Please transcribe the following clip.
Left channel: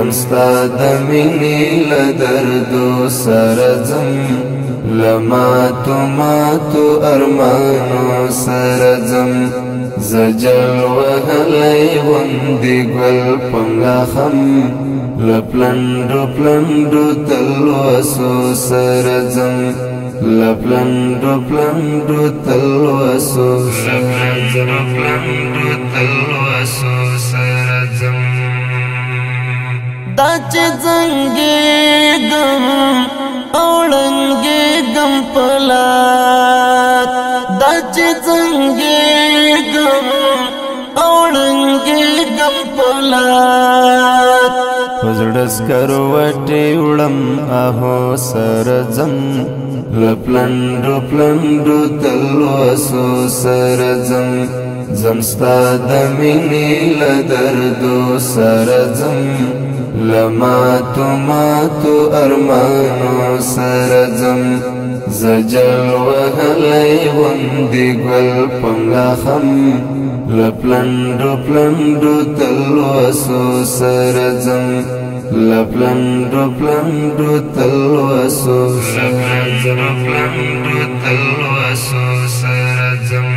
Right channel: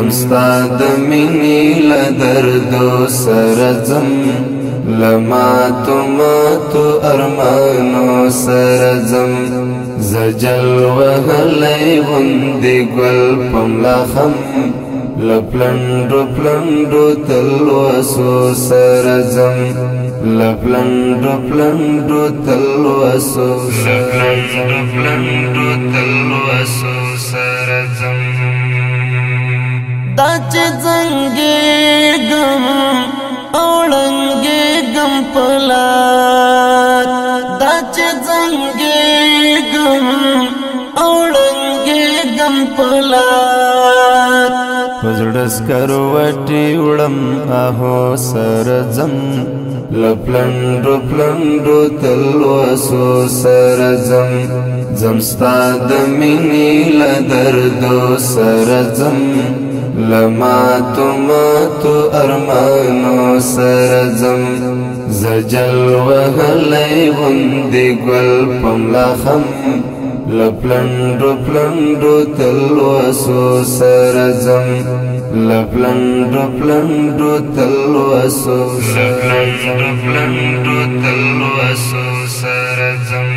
زمستا د مینې له دردو سره ځم لماتو ماتو ارمانو سره ځم زجل وهلی غوندې ګل په ملاخم له پلنډو پلنډو تلوسو سره ځم له پلنډو پلنډو تلوسو سره ځم دا چې زنګېږم او ړنګېږم په لار دا چې زنګېږم او ړنګېږم په لار په زړه سکروټې وړم اهو سره ځم له پلنډو پلنډو تلوسو سره ځم ځم ستا د مینې له دردو سره ځم له ماتو ماتو ارمانو سره ځم زجل وهلی غوندې ګل په ملاخم له پلنډو پلنډو تلوسو سره ځم له پلنډو پلنډو تلوسو سره ځم